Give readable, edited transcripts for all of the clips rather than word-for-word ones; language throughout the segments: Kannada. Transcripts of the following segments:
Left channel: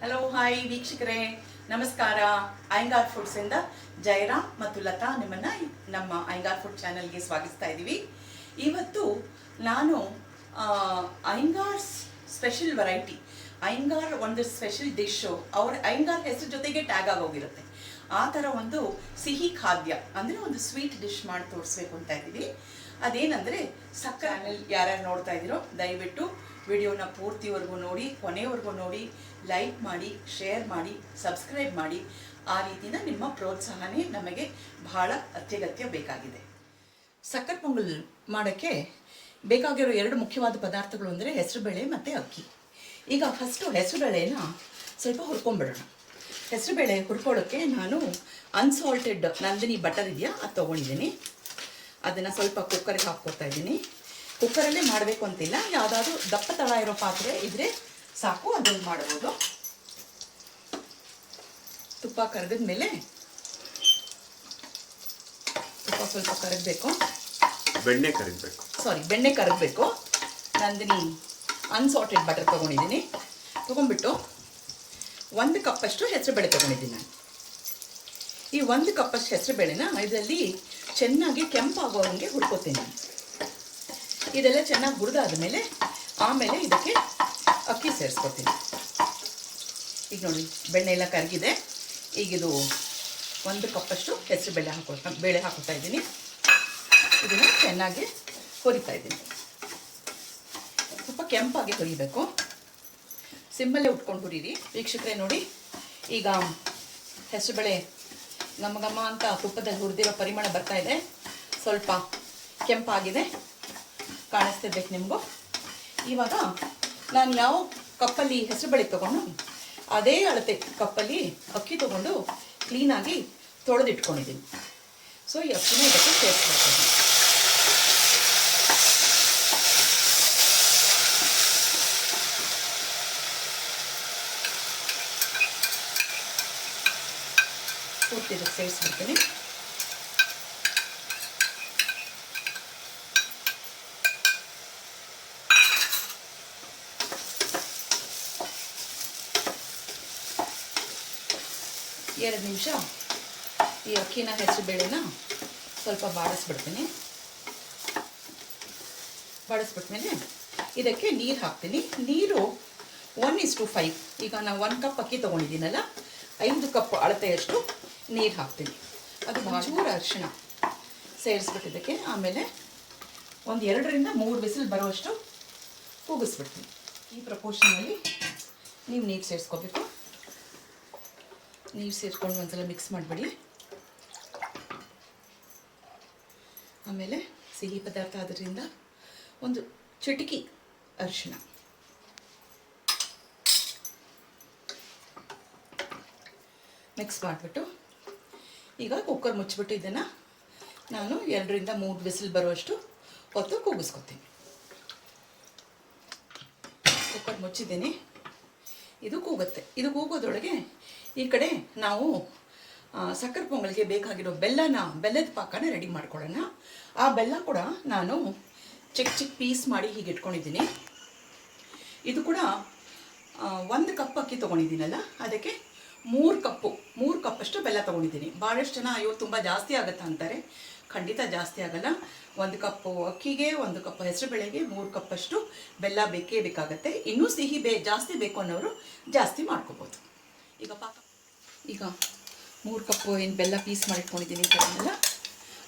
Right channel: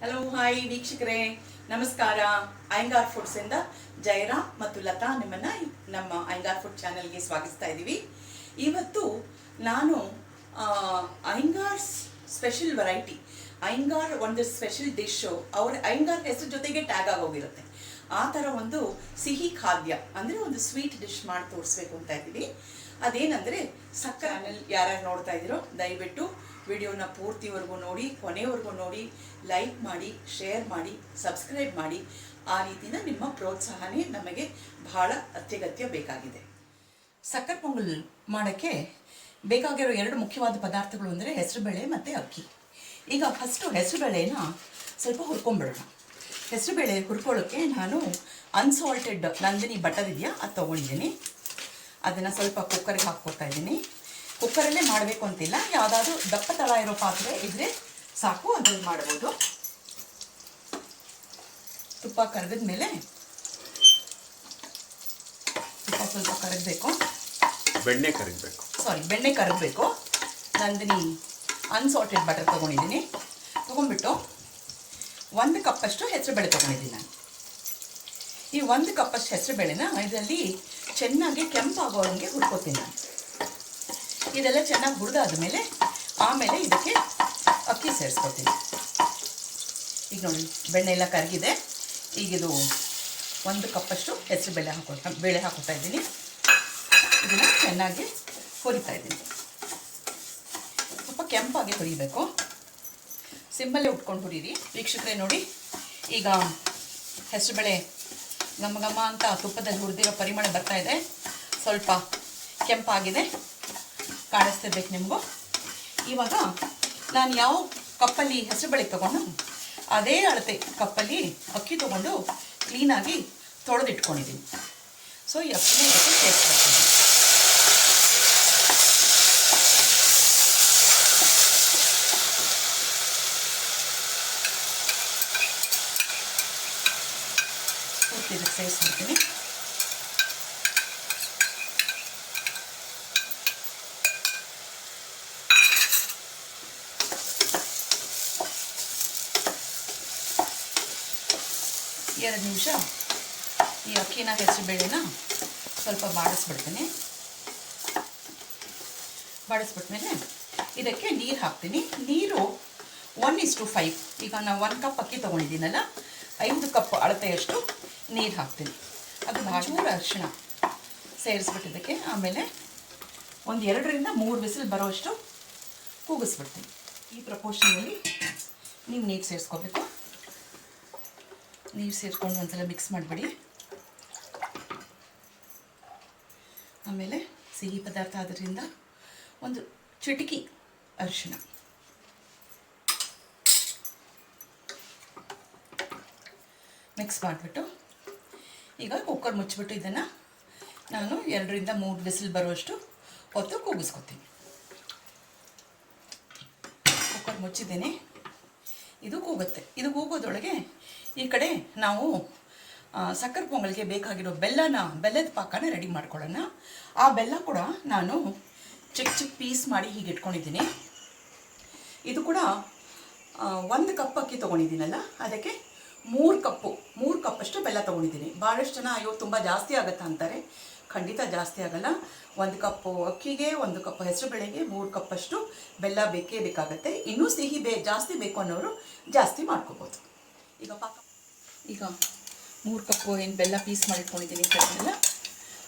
ಹಲೋ ಹಾಯ್ ವೀಕ್ಷಕರೇ, ನಮಸ್ಕಾರ. ಅಯ್ಯಂಗಾರ್ ಫುಡ್ಸ್ ಇಂದ ಜಯರಾಮ್ ಮತ್ತು ಲತಾ ನಿಮ್ಮನ್ನ ನಮ್ಮ ಅಯ್ಯಂಗಾರ್ ಫುಡ್ ಚಾನೆಲ್ಗೆ ಸ್ವಾಗತಿಸ್ತಾ ಇದ್ದೀವಿ. ಇವತ್ತು ನಾನು ಅಯ್ಯಂಗಾರ್ ಸ್ಪೆಷಲ್ ವೆರೈಟಿ, ಅಯ್ಯಂಗಾರ್ ಒಂದು ಸ್ಪೆಷಲ್ ಡಿಶು, ಅವ್ರ ಅಯ್ಯಂಗಾರ್ ಹೆಸರು ಜೊತೆಗೆ ಟ್ಯಾಗ್ ಆಗೋಗಿರುತ್ತೆ. ಆ ಥರ ಒಂದು ಸಿಹಿ ಖಾದ್ಯ ಅಂದರೆ ಒಂದು ಸ್ವೀಟ್ ಡಿಶ್ ಮಾಡಿ ತೋರಿಸ್ಬೇಕು ಅಂತ ಇದ್ದೀವಿ. ಅದೇನಂದರೆ ಸಕ್ಕರೆ. ಯಾರ್ಯಾರು ನೋಡ್ತಾ ಇದ್ದೀರೋ ದಯವಿಟ್ಟು ವಿಡಿಯೋನ ಪೂರ್ತಿವರೆಗೂ ನೋಡಿ, ಕೊನೆವರೆಗೂ ನೋಡಿ, ಲೈಕ್ ಮಾಡಿ, ಶೇರ್ ಮಾಡಿ, ಸಬ್ಸ್ಕ್ರೈಬ್ ಮಾಡಿ. ಆ ರೀತಿನ ನಿಮ್ಮ ಪ್ರೋತ್ಸಾಹನೇ ನಮಗೆ ಬಹಳ ಅತ್ಯಗತ್ಯ ಬೇಕಾಗಿದೆ. ಸಕ್ಕರೆ ಪೊಂಗಲ್ ಮಾಡೋಕ್ಕೆ ಬೇಕಾಗಿರೋ ಎರಡು ಮುಖ್ಯವಾದ ಪದಾರ್ಥಗಳು ಅಂದರೆ ಹೆಸರುಬೇಳೆ ಮತ್ತು ಅಕ್ಕಿ. ಈಗ ಫಸ್ಟು ಹೆಸರುಬೇಳೆನ ಸ್ವಲ್ಪ ಹುರ್ಕೊಂಡ್ಬಿಡೋಣ. ಹೆಸರುಬೇಳೆ ಹುರ್ಕೊಳ್ಳೋಕ್ಕೆ ನಾನು ಅನ್ಸಾಲ್ಟೆಡ್ ನಂದಿನಿ ಬಟರ್ ಇದೆಯಾ ಅದು ತೊಗೊಂಡಿದ್ದೀನಿ. ಅದನ್ನು ಸ್ವಲ್ಪ ಕುಕ್ಕರಿಗೆ ಹಾಕ್ಕೊಡ್ತಾ ಇದ್ದೀನಿ. ಕುಕ್ಕರಲ್ಲೇ ಮಾಡಬೇಕು ಅಂತಿಲ್ಲ, ಯಾವುದಾದ್ರೂ ದಪ್ಪ ತಳ ಇರೋ ಪಾತ್ರೆ ಇದ್ದರೆ ಸಾಕು, ಅದ್ರಲ್ಲಿ ಮಾಡ್ಬೋದು. ತುಪ್ಪ ಕರಗಿದ ಮೇಲೆ, ತುಪ್ಪ ಸ್ವಲ್ಪ ಕರಗಬೇಕು, ಬೆಣ್ಣೆ ಕರಗಬೇಕು. ನಂದಿನಿ ಅನ್ಸಾಲ್ಟೆಡ್ ಬಟರ್ ತೊಗೊಂಡಿದ್ದೀನಿ. ತೊಗೊಂಡ್ಬಿಟ್ಟು 1 ಕಪ್ಪಷ್ಟು ಹೆಸರುಬೇಳೆ ತೊಗೊಂಡಿದ್ದೀನಿ ನಾನು. ಈ 1 ಕಪ್ಪಷ್ಟು ಹೆಸರುಬೇಳೆನ ಇದರಲ್ಲಿ ಚೆನ್ನಾಗಿ ಕೆಂಪಾಗೋ ಹಂಗೆ ಹುರ್ಕೋತೀನಿ ನಾನು. ಇದೆಲ್ಲ ಚೆನ್ನಾಗಿ ಹುರಿದಾದ ಮೇಲೆ ಆಮೇಲೆ ಇದಕ್ಕೆ ಅಕ್ಕಿ ಸೇರಿಸ್ಕೊತೀನಿ. ಈಗ ನೋಡಿ, ಬೆಣ್ಣೆ ಎಲ್ಲ ಕರಗಿದೆ. ಈಗ ಇದು 1 ಕಪ್ಪಷ್ಟು ಬೇಳೆ ಹಾಕೋತಾ ಇದ್ದೀನಿ. ಇದನ್ನು ಚೆನ್ನಾಗಿ ಹುರಿತಾ ಇದ್ದೀನಿ. ಸ್ವಲ್ಪ ಕೆಂಪಾಗಿ ಹುರಿಬೇಕು. ಸಿಮ್ಮಲ್ಲೇ ಉಟ್ಕೊಂಡು ಹುರಿರಿ ವೀಕ್ಷಕರೇ. ನೋಡಿ, ಈಗ ಹೆಸರುಬೇಳೆ ಘಮ ಅಂತ ತುಪ್ಪದಲ್ಲಿ ಹುರಿದಿರೋ ಪರಿಮಳ ಬರ್ತಾ ಇದೆ. ಸ್ವಲ್ಪ ಕೆಂಪಾಗಿದೆ, ಕಾಣಿಸ್ತಿರ್ಬೇಕು ನಿಮಗೂ. ಇವಾಗ ನಾನು ಯಾವ ಕಪ್ಪಲ್ಲಿ ಹೆಸರುಬೇಳೆ ತೊಗೊಂಡು ಅದೇ ಅಳತೆ ಕಪ್ಪಲ್ಲಿ ಅಕ್ಕಿ ತೊಗೊಂಡು ಕ್ಲೀನಾಗಿ ತೊಳೆದಿಟ್ಕೊಂಡಿದ್ದೀನಿ. ಸೊ ಈ ಅಕ್ಕಿನ ಇದಕ್ಕೆ ಸೇರಿಸ್ಬೇಕು. ಪೂರ್ತಿ ಇದಕ್ಕೆ ಸೇರಿಸ್ಬಿಡ್ತೀನಿ. ಎರಡು ನಿಮಿಷ ಈ ಅಕ್ಕಿನ ಹೆಸರುಬೇಳೆನ ಸ್ವಲ್ಪ ಬಾಡಿಸ್ಬಿಡ್ತೀನಿ. ಬಾಡಿಸ್ಬಿಟ್ಮೇಲೆ ಇದಕ್ಕೆ ನೀರು ಹಾಕ್ತೀನಿ. ನೀರು 1:5. ಈಗ ನಾನು 1 ಕಪ್ ಅಕ್ಕಿ ತೊಗೊಂಡಿದ್ದೀನಲ್ಲ, 5 ಕಪ್ ಅಳತೆಯಷ್ಟು ನೀರು ಹಾಕ್ತೀನಿ. ಅದು ಚೂರು ಅರಿಶಿಣ ಸೇರಿಸ್ಬಿಟ್ಟಿದ್ದಕ್ಕೆ ಆಮೇಲೆ ಒಂದು 2ರಿಂದ 3 ವಿಸಿಲ್ ಬರೋಷ್ಟು ಕೂಗಿಸ್ಬಿಡ್ತೀನಿ. ಈ ಪ್ರಪೋರ್ಷನಲ್ಲಿ ನೀವು ನೀರು ಸೇರಿಸ್ಕೋಬೇಕು. ನೀರು ಸೇರಿಸ್ಕೊಂಡು ಒಂದ್ಸಲ ಮಿಕ್ಸ್ ಮಾಡಿಬಿಡಿ. ಆಮೇಲೆ ಸಿಹಿ ಪದಾರ್ಥ ಆದ್ದರಿಂದ ಒಂದು ಚಿಟಿಕೆ ಅರಿಶಿಣ, ಮಿಕ್ಸ್ ಮಾಡಿಬಿಟ್ಟು ಈಗ ಕುಕ್ಕರ್ ಮುಚ್ಚಿಬಿಟ್ಟು ಇದನ್ನು ನಾನು 2ರಿಂದ 3 ವಿಸಿಲ್ ಬರುವಷ್ಟು ಹೊತ್ತು ಕೂಗಿಸ್ಕೊತೀನಿ. ಕುಕ್ಕರ್ ಮುಚ್ಚಿದ್ದೀನಿ. ಇದು ಕೂಗುತ್ತೆ. ಇದು ಕೂಗೋದ್ರೊಳಗೆ ಈ ಕಡೆ ನಾವು ಸಕ್ಕರೆ ಪೊಂಗಲ್ಗೆ ಬೇಕಾಗಿರೋ ಬೆಲ್ಲದ ಪಾಕನ ರೆಡಿ ಮಾಡ್ಕೊಳ್ಳೋಣ. ಆ ಬೆಲ್ಲ ಕೂಡ ನಾನು ಚಿಕ್ಕ ಪೀಸ್ ಮಾಡಿ ಹೀಗೆ ಇಟ್ಕೊಂಡಿದ್ದೀನಿ. ಇದು ಕೂಡ 1 ಕಪ್ ಅಕ್ಕಿ ತೊಗೊಂಡಿದ್ದೀನಲ್ಲ, ಅದಕ್ಕೆ 3 ಕಪ್ಪಷ್ಟು ಬೆಲ್ಲ ತೊಗೊಂಡಿದ್ದೀನಿ. ಭಾಳಷ್ಟು ಜನ ಅಯ್ಯೋ ತುಂಬ ಜಾಸ್ತಿ ಆಗುತ್ತೆ ಅಂತಾರೆ. ಖಂಡಿತ ಜಾಸ್ತಿ ಆಗಲ್ಲ. 1 ಕಪ್ಪು ಅಕ್ಕಿಗೆ 1 ಕಪ್ ಹೆಸರುಬೇಳೆಗೆ 3 ಕಪ್ಪಷ್ಟು ಬೆಲ್ಲ ಬೇಕೇ ಬೇಕಾಗತ್ತೆ. ಇನ್ನೂ ಸಿಹಿ ಜಾಸ್ತಿ ಬೇಕು ಅನ್ನೋರು ಜಾಸ್ತಿ ಮಾಡ್ಕೋಬೋದು. ಈಗ 3 ಕಪ್ಪು ಏನು ಬೆಲ್ಲ ಪೀಸ್ ಮಾಡಿಟ್ಕೊಂಡಿದ್ದೀನಿ ಕೆಲವೆಲ್ಲ,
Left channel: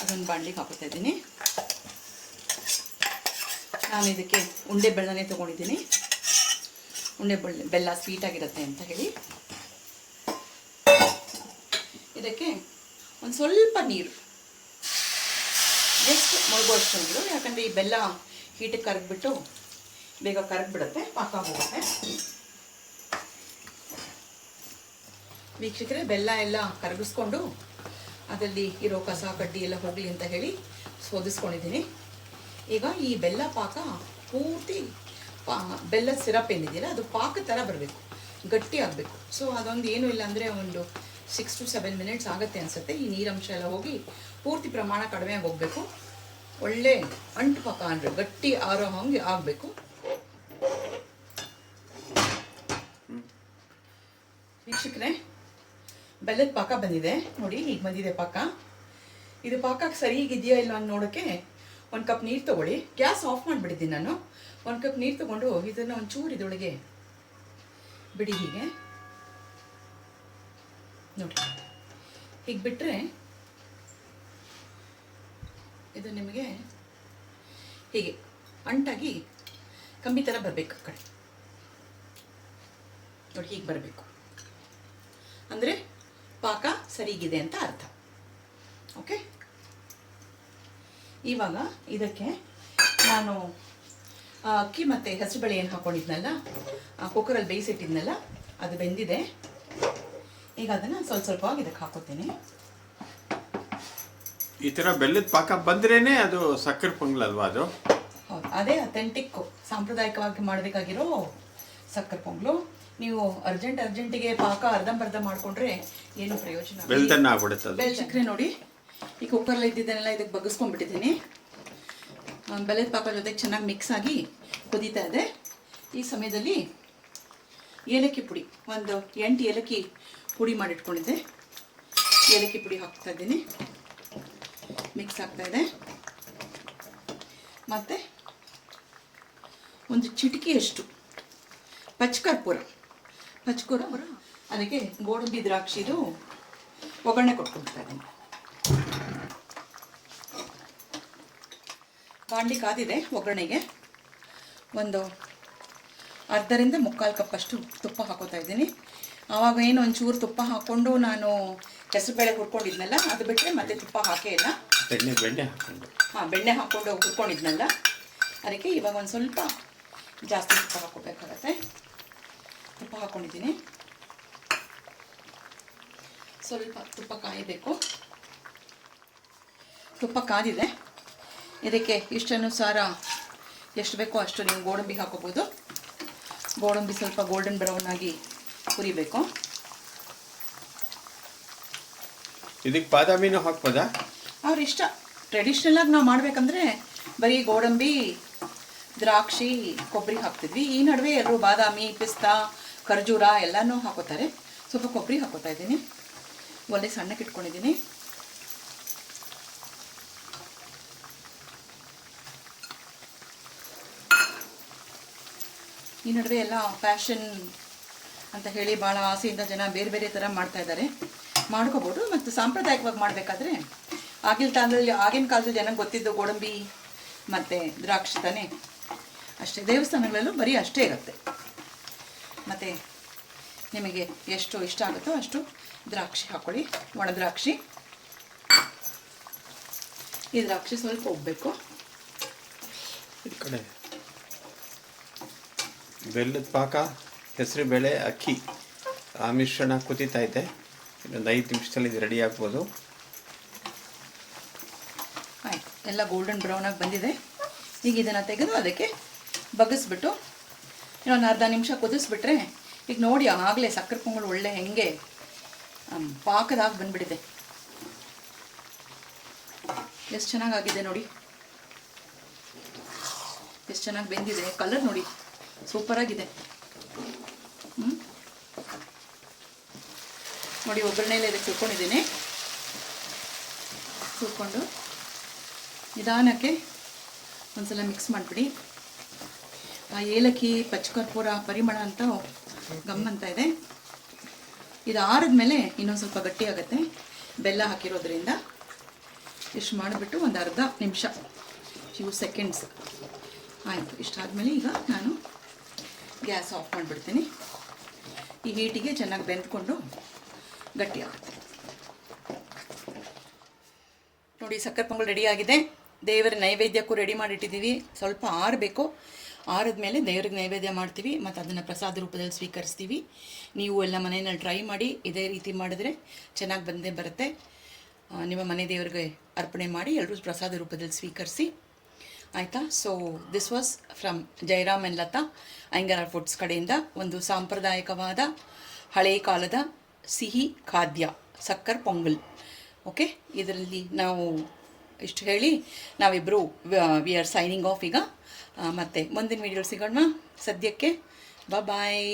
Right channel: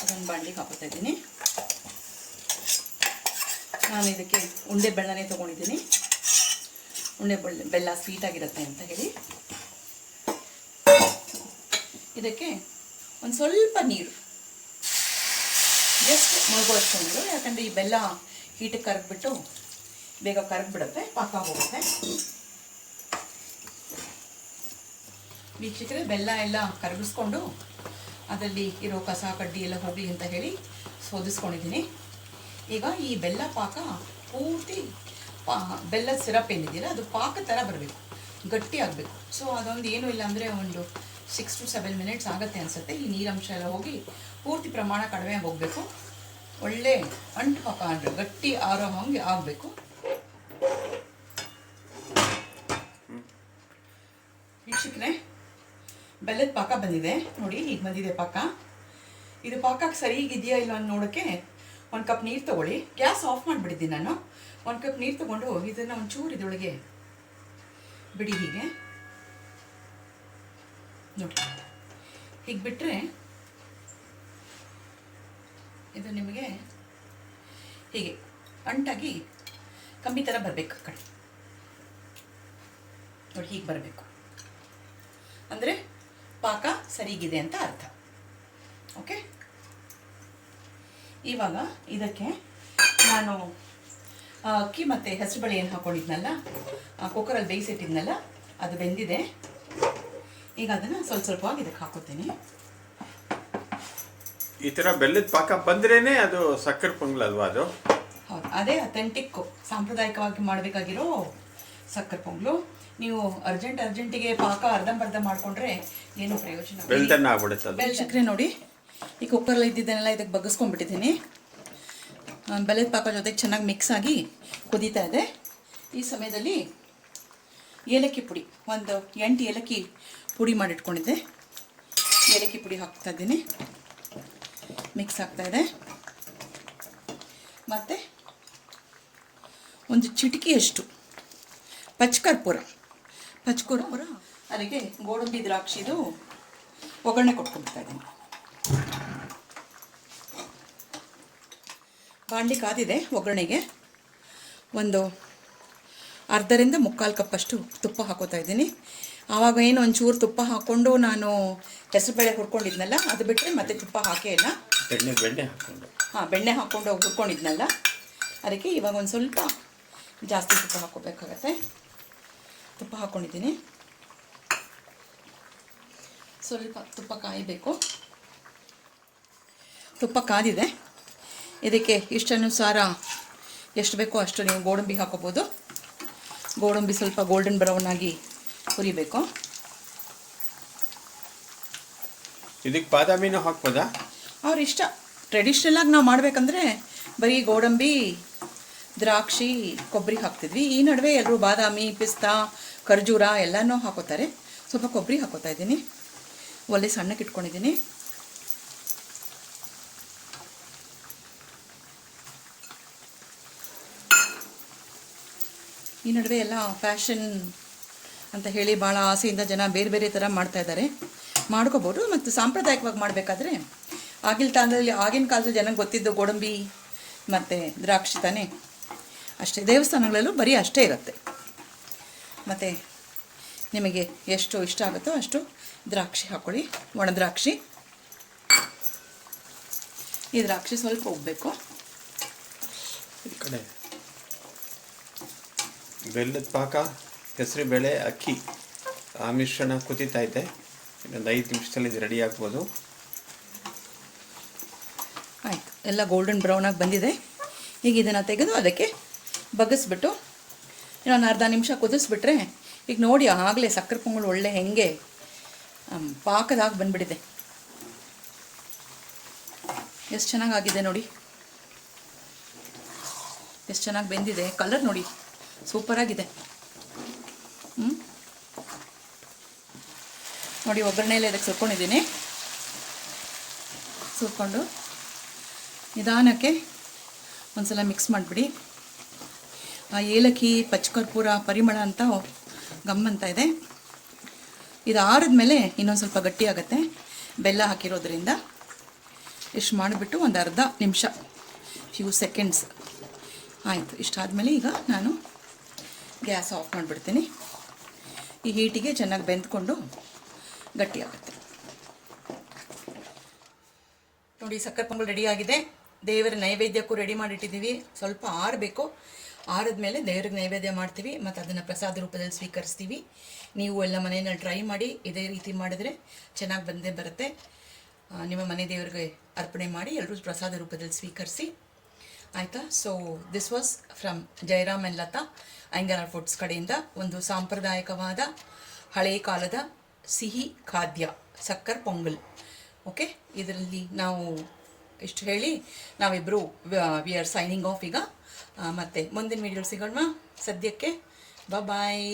ಅದನ್ನು ಬಾಣಲಿಗೆ ಹಾಕೋತಾ ಇದ್ದೀನಿ. ನಾನು ಇದಕ್ಕೆ ಉಂಡೆ ಬೆಲ್ಲನೇ ತೊಗೊಂಡಿದ್ದೀನಿ. ಉಂಡೆ ಬೆಲ್ಲ ಸ್ವೀಟಾಗಿರುತ್ತೆ ಅಂತ ಹೇಳಿ. ಇದಕ್ಕೆ ಒಂದು ಸ್ವಲ್ಪ ನೀರು, ಜಸ್ಟ್ ಮುಳುಗೋಷ್ಟು ನೀರು, ಯಾಕಂದರೆ ಈ ಬೆಲ್ಲ ಹೀಟಿಗೆ ಕರಗಿಬಿಟ್ಟು ಬೇಗ ಕರಗಿಬಿಡುತ್ತೆ, ಪಾಕ ಹೋಗುತ್ತೆ. ವೀಕ್ಷಕರೇ, ಬೆಲ್ಲ ಎಲ್ಲ ಕರಗಿಸ್ಕೊಂಡು ಅದರಲ್ಲಿ ಇರೋ ಕಸ ಕಡ್ಡಿ ಎಲ್ಲ ಹೋಗಲಿ ಅಂತ ಹೇಳಿ ಸೋದಿಸ್ಕೊಂಡಿದ್ದೀನಿ. ಈಗ ಈ ಬೆಲ್ಲ ಪಾಕ ಪೂರ್ತಿ ಬೆಲ್ಲದ ಸಿರಪ್ ಏನಿದೆಯಲ್ಲ ಅದು ಪಾಕ ಥರ ಬರಬೇಕು, ಗಟ್ಟಿ ಆಗಬೇಕು. ಸೊ ಅದೊಂದು ಏನೂ ಇಲ್ಲ ಅಂದರೆ ಒಂದು 6 to 7 ಮಿನಿಟ್ಸ್ ಆಗುತ್ತೆ ಅನಿಸುತ್ತೆ. ಈ ನೀರಂಶ ಎಲ್ಲ ಹೋಗಿ ಪೂರ್ತಿ ಪ್ರಮಾಣ ಕಡಿಮೆ ಆಗಿ ಹೋಗಬೇಕು. ಒಳ್ಳೆ ಅಂಟು ಪಾಕ ಅಂದರೆ ಗಟ್ಟಿ ಆರೋ ಹಂಗೆ ಆಗಬೇಕು. ವೀಕ್ಷಕರೇ, ಬೆಲ್ಲದ ಪಾಕ ಬಂದಿದೆ ನೋಡಿ, ಈಗ ಬಂದಿದೆ ಪಾಕ. ಇದು ಪಾಕಕ್ಕೆ ಸರಿಗಿದೆಯಾ ಇಲ್ಲ ಅಂತ ನೋಡೋಕ್ಕೆ 1 ಕಪ್ ನೀರು ತೊಗೊಳ್ಳಿ. ಗ್ಯಾಸ್ ಆಫ್ ಮಾಡಿಬಿಟ್ಟಿದ್ದೀನಿ ನಾನು. 1 ಕಪ್ ನೀರು ತೊಗೊಂಡು ಇದನ್ನು ಒಂಚೂರು ಇದರೊಳಗೆ ಬಿಡಿ. ಹೀಗೆ ನೋಡಿ, ಹೀಗೆ ಬಿಟ್ಟರೆ ಇದು ನಿಮಗೆ ಹೀಗೆ ಅಂಟಾಗಿ ಕಂಬಿ ಥರ ಬರಬೇಕು. ಕಡೆ ನೋಡಿ, ಹೀಗೆ ಬರಬೇಕು ಅಂದರೆ ಪಾಕ ಸರಿಗಿದೆ ಅಂತ ಅರ್ಥ. ಓಕೆ, ಇವಾಗ ಇದಕ್ಕೆ ನಾನು ಅಕ್ಕಿ ಮತ್ತು ಹೆಸರುಬೇಳೆ ಏನು ಹಾಕ್ಕೊಂಡಿದ್ನಲ್ಲ, ಕುಕ್ಕರಲ್ಲಿ ಬೇಯಿಸಿಟ್ಟಿದ್ನಲ್ಲ, ಅದು ಬೆಂದಿದೆ. ಈಗ ಅದನ್ನು ಸ್ವಲ್ಪವಾಗಿ ಇದಕ್ಕೆ ಹಾಕೋತೀನಿ. ಈ ಥರ ಬೆಲ್ಲದ ಪಾಕ ಬಂದ್ರೇನೆ ಅದು ಸಕ್ಕರೆ ಪೊಂಗಲ್ ಅಲ್ವಾ? ಅದು ಹೌದು, ಅದೇ ಅಥೆಂಟಿಕ್ ಸಾಂಪ್ರದಾಯಿಕವಾಗಿ ಮಾಡಬೇಕಾಗಿರೋ ಸಕ್ಕರೆ ಪೊಂಗಲು. ನೀವು ಅರ್ಜೆಂಟಿಗೆ ಪಾಕ ಅರ್ಧಂಬರ್ಧ ಮಾಡಿಕೊಂಡ್ರೆ ಏನು ಪ್ರಯೋಜನ. ಬೆಲ್ತನ್ನ ಆಗ್ಬಿಡುತ್ತೆ. ಬೆಲ್ಲ ಸಕ್ಕರೆ ನೋಡಿ, ಈ ಕುಕ್ಕರಲ್ಲಿ ಇದ್ದಿದ್ದನ್ನೆಲ್ಲ ಇದಕ್ಕೆ ಬಗ್ಗಿಸ್ಕೊಂಡ್ಬಿಟ್ಟಿದ್ದೀನಿ. ಬೆಲ್ಲದ ಪಾಕ ಜೊತೆಗೆ ಚೆನ್ನಾಗಿ ಮಿಕ್ಸ್ ಆಗಿ ಕುದೀತಾ ಇದೆ. ಈ ಸಮಯದಲ್ಲಿ ಏಲಕ್ಕಿ ಪುಡಿ, ಒಂದು 8 ಏಲಕ್ಕಿ ಪುಡಿ ಮಾಡಿಟ್ಕೊಂಡಿದ್ದೆ. ಏಲಕ್ಕಿ ಪುಡಿ ಹಾಕ್ತಾ ಇದ್ದೀನಿ, ಮಿಕ್ಸ್ ಆಗ್ತಾಯಿದೆ. ಮತ್ತು ಒಂದು ಚಿಟಿಕೆಯಷ್ಟು ಪಚ್ಕರ್ಪೂರ, ಅದಕ್ಕೆ ಗೋಡಂಬಿ ದ್ರಾಕ್ಷಿದು ಒಗ್ಗರಣೆ ಕೊಟ್ಕೊಳ್ತಾ ಇದ್ದೀನಿ. ಬಾಂಡಿ ಕಾದಿದೆ. ಒಗ್ಗರಣೆಗೆ ಒಂದು 1/2 ಕಪ್ಪಷ್ಟು ತುಪ್ಪ ಹಾಕೋತಾ ಇದ್ದೀನಿ. ಆವಾಗ ಏನು ಒಂಚೂರು ತುಪ್ಪ ಹಾಕ್ಕೊಂಡು ನಾನು ಹೆಸರುಬೇಳೆ ಹುರ್ಕೊಂಡಿದ್ನಲ್ಲ, ಅದು ಬಿಟ್ಟರೆ ಮತ್ತೆ ತುಪ್ಪ ಹಾಕೇ ಇಲ್ಲ. ಬೆಣ್ಣೆ ಹಾಕ್ಕೊಂಡು ಹುರ್ಕೊಂಡಿದ್ನಲ್ಲ, ಅದಕ್ಕೆ ಇವಾಗ ಒಂದು ಸ್ವಲ್ಪ ಜಾಸ್ತಿ ತುಪ್ಪ ಹಾಕೋಬೇಕಾಗತ್ತೆ. ತುಪ್ಪ ಹಾಕ್ಕೊಂಡಿದ್ದೀನಿ. ಸ್ವಲ್ಪ ತುಪ್ಪ ಕಾಯಬೇಕು. ತುಪ್ಪ ಕಾದಿದೆ. ಇದಕ್ಕೆ ಇಷ್ಟನುಸಾರ ಎಷ್ಟು ಬೇಕೋ ಅಷ್ಟು ನೀವು ಗೋಡಂಬಿ ಹಾಕೋಬೋದು. ಗೋಡಂಬಿ ಸ್ವಲ್ಪ ಗೋಲ್ಡನ್ ಬ್ರೌನ್ ಆಗಿ ಹುರಿಬೇಕು. ಇದಕ್ಕೆ ಬಾದಾಮಿನೂ ಹಾಕ್ಬೋದಾ? ಅವ್ರ ಇಷ್ಟ. ಟ್ರೆಡಿಷ್ನಲಾಗಿ ನಾವು ಮಾಡಬೇಕಂದ್ರೆ ಬರೀ ಗೋಡಂಬಿ, ದ್ರಾಕ್ಷಿ, ಕೊಬ್ಬರಿ ಹಾಕ್ತಿದ್ವಿ. ಈ ನಡುವೆ ಎಲ್ಲರೂ ಬಾದಾಮಿ, ಪಿಸ್ತಾ, ಖರ್ಜೂರ ಎಲ್ಲನೂ ಹಾಕೋತಾರೆ. ಸ್ವಲ್ಪ ಕೊಬ್ಬರಿ ಹಾಕೋತಾ ಇದ್ದೀನಿ. ಒಳ್ಳೆ ಸಣ್ಣಕ್ಕೆ ಇಟ್ಕೊಂಡಿದ್ದೀನಿ. ಈ ನಡುವೆ ಎಲ್ಲ ಫ್ಯಾಷನ್ ಅಂತ ಹೇಳಿ ಭಾಳ ಆಸೆಯಿಂದ ಜನ ಬೇರೆ ಬೇರೆ ಥರ ಮಾಡ್ತಾ ಇದ್ದಾರೆ. ಮಾಡ್ಕೋಬೋದು. ಮತ್ತು ಸಾಂಪ್ರದಾಯಿಕವಾಗಿ ಮಾಡಬೇಕಾದ್ರೆ ಆಗಿನ ಕಾಲದಲ್ಲಿ ಜನಕ್ಕೆ ಗೊತ್ತಿದ್ದು ಗೋಡಂಬಿ ಮತ್ತು ದ್ರಾಕ್ಷಿ ತಾನೇ, ಅಷ್ಟೇ. ದೇವಸ್ಥಾನಗಳಲ್ಲೂ ಬರೀ ಅಷ್ಟೇ ಇರುತ್ತೆ. ಮತ್ತು ನಿಮಗೆ ಎಷ್ಟು ಇಷ್ಟ ಆಗುತ್ತೋ ಅಷ್ಟು ದ್ರಾಕ್ಷಿ ಹಾಕ್ಕೊಳ್ಳಿ. ಒಣ ದ್ರಾಕ್ಷಿ. ಈ ದ್ರಾಕ್ಷಿ ಸ್ವಲ್ಪ ಉಬ್ಬಬೇಕು. ಈ ಕಡೆ ಬೆಲ್ಲದ ಪಾಕ, ಹೆಸರುಬೇಳೆ, ಅಕ್ಕಿ ಆ ಮಿಶ್ರಣ ಕುದೀತಾ ಇದೆ. ಇನ್ನೊಂದು 5 ನಿಮಿಷದಲ್ಲಿ ಇದು ರೆಡಿ ಆಗ್ಬೋದು. ಆಯಿತು, ಎಲ್ಲ ಗೋಲ್ಡನ್ ಬ್ರೌನಾಗಿ ಬಂದಿದೆ. ಈಗ ಇದನ್ನು ತೆಗೆದು ಅದಕ್ಕೆ ಬಗ್ಗಿಸ್ಬಿಟ್ಟು ಇನ್ನೊಂದು 1/2 ನಿಮಿಷ ಕುದಿಸ್ಬಿಟ್ರೆ, ಈಗ ನೋಡಿ ಆಗಲೇ ಸಕ್ಕರೆ ಪೊಂಗಲ್ ಒಳ್ಳೆ ಹೆಂಗೆ ಪಾಕದಾಗಿ ಬಂದುಬಿಟ್ಟಿದೆ. ಎಷ್ಟು ಚೆನ್ನಾಗಾಗಿದೆ ನೋಡಿ, ಎಷ್ಟು ಚೆನ್ನಾಗಿ ಬೆಂದಿದೆ. ಕಲರ್ ನೋಡಿ, ಸೂಪರಾಗಿದೆ. ನೋಡಿ, ಒಗ್ಗರಣೆಯಲ್ಲಿ ಇದಕ್ಕೆ ಸುಟ್ಕೊಂಡಿದ್ದೀನಿ. ಸುಟ್ಕೊಂಡು ನಿಧಾನಕ್ಕೆ ಒಂದ್ಸಲ ಮಿಕ್ಸ್ ಮಾಡಿಬಿಡಿ. ಆ ಏಲಕ್ಕಿ, ಪಚ್ಕರ್ಪೂರ ಪರಿಮಳ ಅಂತ ಗಮ್ಮಂತ ಇದೆ. ಇದು ಆರಿದ ಮೇಲೆ ಇನ್ನೊಂದು ಸ್ವಲ್ಪ ಗಟ್ಟಿ ಆಗುತ್ತೆ, ಬೆಲ್ಲ ಹಾಕಿರೋದ್ರಿಂದ. ಇಷ್ಟು ಮಾಡಿಬಿಟ್ಟು ಒಂದು 1/2 ನಿಮಿಷ, ಫ್ಯೂ ಸೆಕೆಂಡ್ಸ್ ಆಯಿತು. ಇಷ್ಟಾದಮೇಲೆ ಈಗ ನಾನು ಗ್ಯಾಸ್ ಆಫ್ ಮಾಡಿಬಿಡ್ತೀನಿ. ಈ ಹೀಟಿಗೆ ಚೆನ್ನಾಗಿ ಬೆಂದ್ಕೊಂಡು ಗಟ್ಟಿ ಆಗುತ್ತೆ. ನೋಡಿ, ಸಕ್ಕರೆ ಪೊಂಗಲ್ ರೆಡಿಯಾಗಿದೆ. ದೇವರ ನೈವೇದ್ಯಕ್ಕೂ ರೆಡಿ ಮಾಡಿಟ್ಟಿದ್ದೀವಿ. ಸ್ವಲ್ಪ ಆರಬೇಕು. ಆರಿದ್ಮೇಲೆ ದೇವ್ರಿಗೆ ನೈವೇದ್ಯ ಮಾಡ್ತೀವಿ ಮತ್ತು ಅದನ್ನು ಪ್ರಸಾದ ರೂಪದಲ್ಲಿ ಸ್ವೀಕರಿಸ್ತೀವಿ. ನೀವು ಎಲ್ಲ ಮನೆಯಲ್ಲಿ ಟ್ರೈ ಮಾಡಿ. ಇದೇ ರೀತಿ ಮಾಡಿದ್ರೆ ಚೆನ್ನಾಗಿ ಬಂದೇ ಬರುತ್ತೆ. ನಿಮ್ಮ ಮನೆ ದೇವರಿಗೆ ಅರ್ಪಣೆ ಮಾಡಿ ಎಲ್ಲರೂ ಪ್ರಸಾದ ರೂಪದಲ್ಲಿ ಸ್ವೀಕರಿಸಿ. ಆಯಿತಾ? So this was from Jayaram and Latha Iyengar Foods ಕಡೆಯಿಂದ ಒಂದು ಸಾಂಪ್ರದಾಯಿಕವಾದ ಹಳೆಯ ಕಾಲದ ಸಿಹಿ ಖಾದ್ಯ ಸಕ್ಕರೆ ಪೊಂಗಲ್. ಓಕೆ, ಇದರಲ್ಲಿ ನಾವು ಇಷ್ಟು ಹೇಳಿ ನಾವಿಬ್ಬರು ವಿ ಆರ್ ಸೈನಿಂಗ್ ಆಫ್ ಈಗ. ಮತ್ತು ಮುಂದಿನ ವೀಡಿಯೋ ಸಿಗೋಣ. ಸದ್ಯಕ್ಕೆ ಬಾಯ್.